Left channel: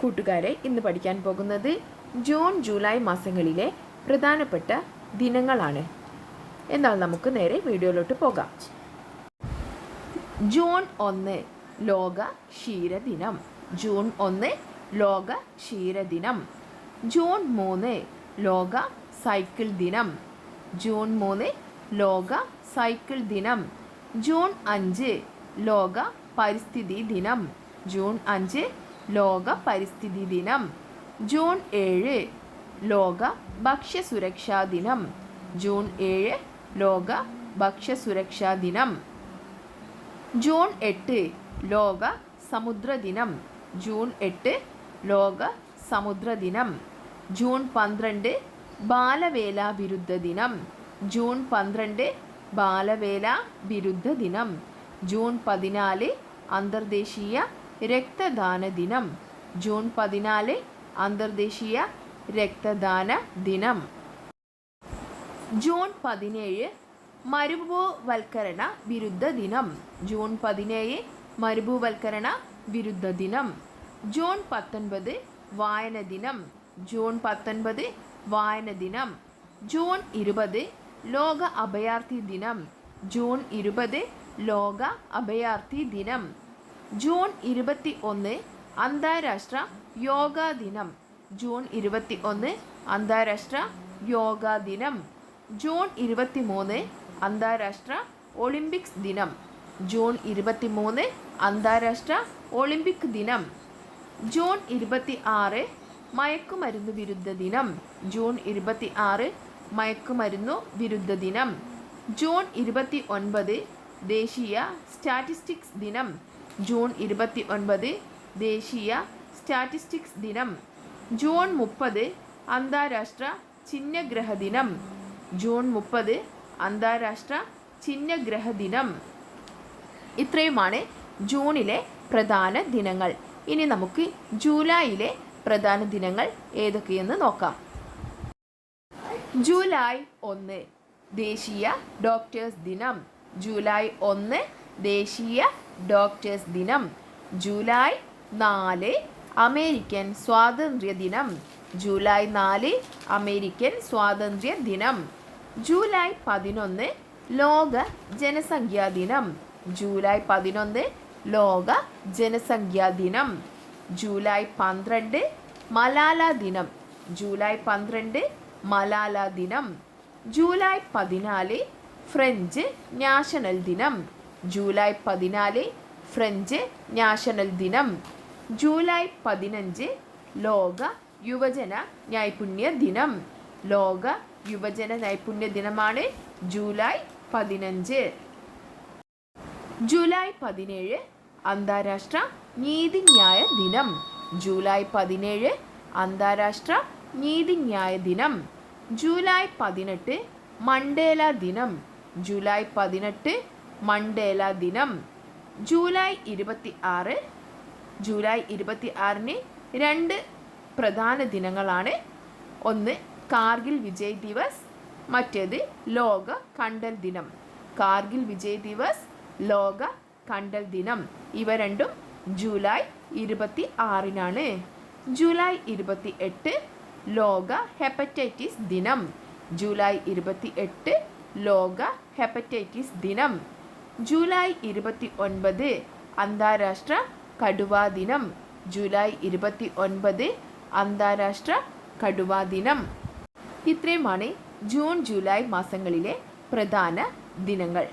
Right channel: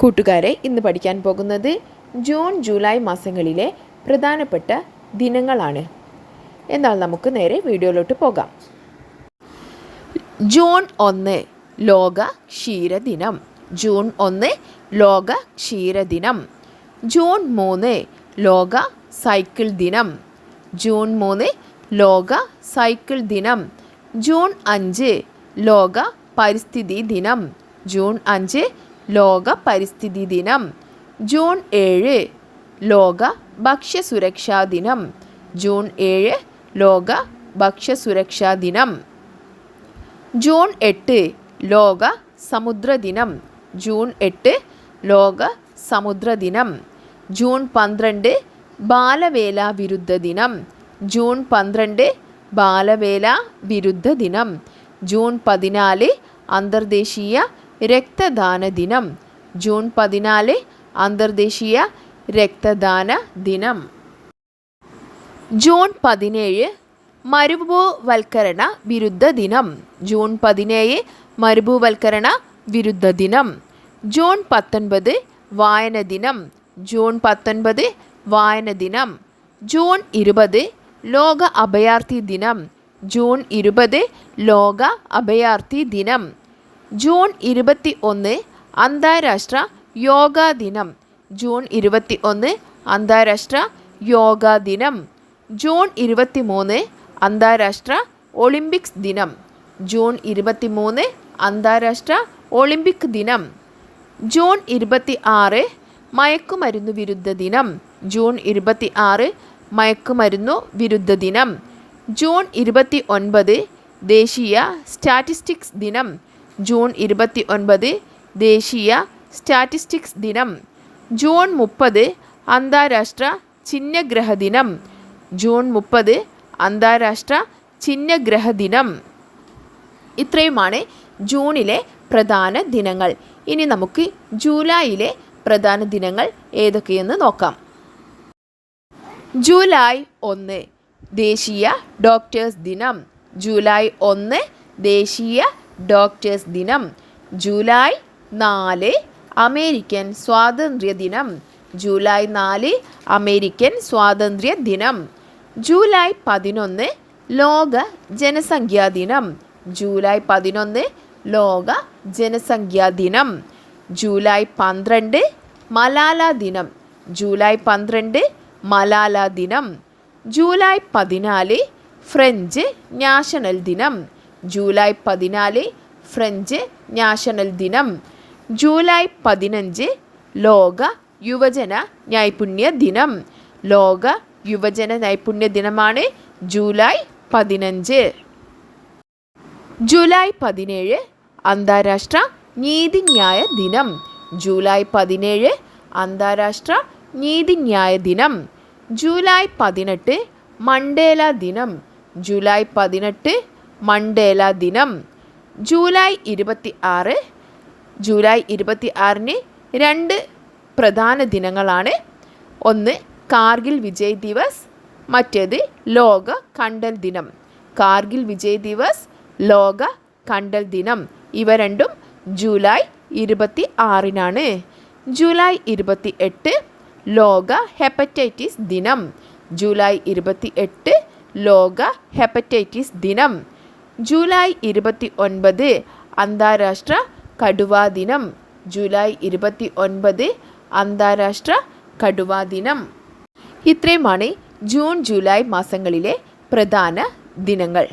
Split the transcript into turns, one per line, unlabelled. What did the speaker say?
കൂട്ടുകാരെ ഇന്ന് പഠിക്കാൻ പോകുന്നത് ജൂൺ ജൂലൈ മാസങ്ങളിലെ പ്രധാനപ്പെട്ട ദിനങ്ങളാണ്. എന്നാൽ നമുക്ക് നേരെ വീഡിയോയിലോട്ട് പോകാം. ജൂൺ ഒന്ന് ലോക ക്ഷീരദിനം ജൂൺ ഒന്ന് ലോക ക്ഷീരദിനം ജൂൺ മൂന്ന് ലോക സൈക്കിൾ ദിനം. ജൂൺ മൂന്ന് ലോക സൈക്കിൾ ദിനം. ജൂൺ അഞ്ച് ലോക പരിസ്ഥിതി ദിനം. ജൂൺ അഞ്ച് ലോക പരിസ്ഥിതി ദിനം. ജൂൺ ഏഴ് ലോക ഭക്ഷ്യസുരക്ഷാ ദിനം. ജൂൺ ഏഴ് ലോക ഭക്ഷ്യസുരക്ഷാ ദിനം. ജൂൺ എട്ട് ലോക സമുദ്ര ദിനം. ജൂൺ എട്ട് ലോക സമുദ്ര ദിനം. ജൂൺ പന്ത്രണ്ട് ബാലവേല വിരുദ്ധ ദിനം. ജൂൺ പന്ത്രണ്ട് ബാലവേല വിരുദ്ധ ദിനം. ജൂൺ പതിനാല് അന്തർദേശീയ രക്തദാന ദിനം. ജൂൺ പതിനാല് അന്തർദേശീയ രക്തദാന ദിനം. ജൂൺ പതിനേഴ് മരുഭൂവൽക്കരണ വിരുദ്ധ ദിനം. ജൂൺ പതിനേഴ് മരുഭൂവൽക്കരണ വിരുദ്ധ ദിനം. ജൂൺ പത്തൊൻപത് വായന ദിനം. ജൂൺ പത്തൊൻപത് വായന ദിനം. ജൂൺ ഇരുപത് ലോക അഭയാർത്ഥി ദിനം. ജൂൺ ഇരുപത് ലോക അഭയാർത്ഥി ദിനം. ജൂൺ ഇരുപത്തി ഒന്ന് അന്താരാഷ്ട്ര യോഗാ ദിനം. ജൂൺ ഇരുപത്തി ഒന്ന് അന്താരാഷ്ട്ര യോഗാ ദിനം. ജൂൺ ഇരുപത്തി മൂന്ന് അന്താരാഷ്ട്ര ഒളിമ്പിക്സ് ദിനം. ജൂൺ ഇരുപത്തി മൂന്ന് അന്താരാഷ്ട്ര ഒളിമ്പിക് ദിനം. ജൂൺ ഇരുപത്തി ആറ് മയക്കുമരുന്ന് വിരുദ്ധ ദിനം. ജൂൺ ഇരുപത്തി ആറ് മയക്കുമരുന്നു വിരുദ്ധ ദിനം. ജൂൺ ഇരുപത്തി ഒൻപത് ദേശീയ സ്റ്റാറ്റിസ്റ്റിക്സ് ദിനം. ജൂൺ ഇരുപത്തി ഒൻപത് ദേശീയ സ്റ്റാറ്റിസ്റ്റിക്സ് ദിനം. ജൂൺ മുപ്പത് അന്താരാഷ്ട്ര ചിഹ്നഗ്രഹ ദിനം. ജൂൺ മുപ്പത് അന്താരാഷ്ട്ര ചിഹ്നഗ്രഹ ദിനം. ഇത്രയുമാണ് ജൂണിലെ പ്രധാന ദിനങ്ങൾ. ഇനി നമുക്ക് ജൂലൈയിലെ പ്രധാന ദിനങ്ങൾ ഏതൊക്കെയെന്ന് നോക്കാം. ജൂലൈ ഒന്ന് ദേശീയ ഡോക്ടേഴ്സ് ദിനം. ജൂലൈ ഒന്ന് ദേശീയ ഡോക്ടേഴ്സ് ദിനം. ജൂലൈ നാല് അമേരിക്കൻ സ്വാതന്ത്ര്യ ദിനം. ജൂലൈ നാല് അമേരിക്കൻ സ്വാതന്ത്ര്യ ദിനം. ജൂലൈ പതിനൊന്ന് ലോക ജനസംഖ്യാ ദിനം. ജൂലൈ പതിനൊന്ന് ലോക ജനസംഖ്യാ ദിനം. ജൂലൈ പന്ത്രണ്ട് മലാല ദിനം. ജൂലൈ പന്ത്രണ്ട് മലാല ദിനം. ജൂലൈ പതിനാല് ഫ്രഞ്ച് നാഷണൽ ദിനം. ജൂലൈ പതിനാല് ഫ്രഞ്ച് നാഷണൽ ദിനം. ജൂലൈ പതിനഞ്ച് ലോക യുവജന നൈപുണ്യ ദിനം. ലോക യുവജന നൈപുണ്യ ദിനമാണ് ജൂലൈ പതിനഞ്ച്. ജൂലൈ പതിനേഴ് അന്താരാഷ്ട്ര നീതിന്യായ ദിനം. ജൂലൈ പതിനേഴ് അന്താരാഷ്ട്ര നീതിന്യായ ദിനം. ജൂലൈ പതിനെട്ട് മണ്ടേല ദിനം. ജൂലൈ പതിനെട്ട് മണ്ടേല ദിനം. ജൂലൈ ഇരുപത്തി ആറ് ജൂലൈ ഇരുപത്തി ആറിന് രണ്ട് പ്രധാന ദിനങ്ങളാണ്. ഒന്ന് കാർഗിൽ വിജയ് ദിവസ് മറ്റേത് ലോക കണ്ടൽ ദിനം. കാർഗിൽ വിജയ് ദിവസ് ലോക കണ്ടൽ ദിനം. ഇവ രണ്ടും ജൂലൈ ഇരുപത്തി ആറിനാണ് ജൂലൈ ഇരുപത്തി എട്ട് ലോക ഹെപ്പറ്റൈറ്റിസ് ദിനം. ജൂലൈ ഇരുപത്തി എട്ട് ലോക ഹെപ്പറ്റൈറ്റിസ് ദിനം. ജൂലൈ ഇരുപത്തി ഒൻപത് അന്താരാഷ്ട്ര കടുവാ ദിനം. ജൂലൈ ഇരുപത്തി ഒൻപത് അന്താരാഷ്ട്ര കടുവാ ദിനം. ഇത്രയുമാണ് ജൂൺ ജൂലൈ മാസങ്ങളിലെ പ്രധാന ദിനങ്ങൾ.